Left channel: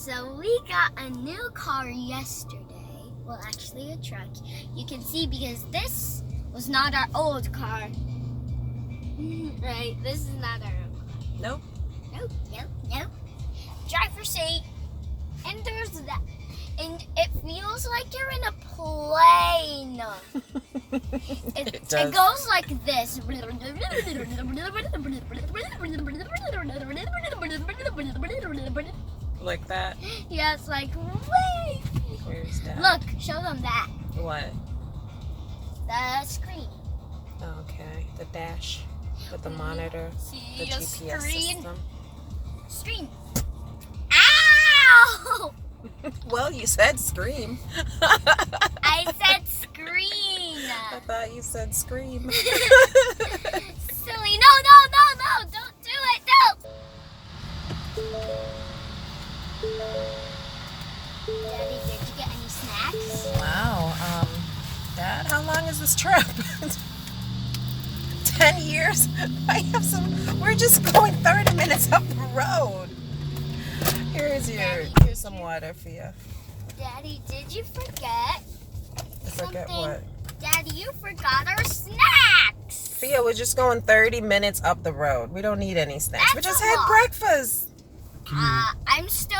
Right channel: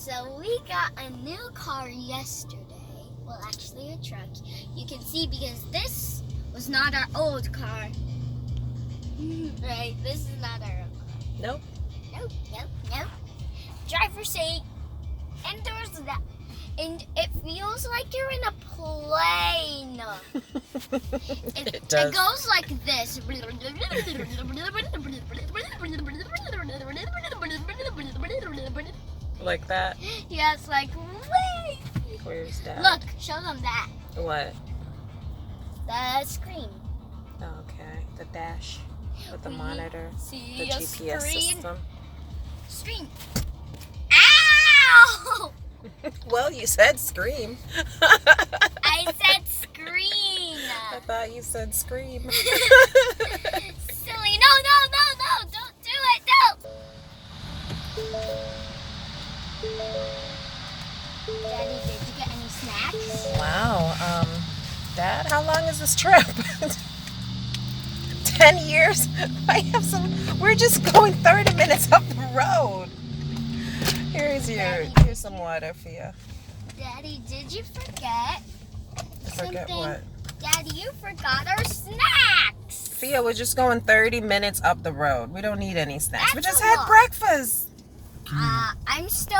So we got a new car yesterday. Well, actually a truck. You can see because this was not our old car. Right? This is not our old car. Nope. Nope. Driver's seat. And there's that. And it feels like you're in a plane. It goes like this. Like that? Yeah, it's like, wait. Where's that? Look, show them that. What? The screen. Okay, the dash with the monitor, See the a GPS screen? system. Screen. Ow! Well, you said scream. I said screen. I thought you said scream. Silly. No. Don't do it. Daddy, did you get any snacks? Wow. Dad, how long is this trip? 10 years? I have some. We're just going 30 minutes up the road. Here's some water for you. Daddy, did you forget something? Forget what? Daddy, you forgot our snacks. Fia, we're just going 30 minutes up the road. We don't need any snacks. We That's just a had lot. breakfast. I'm still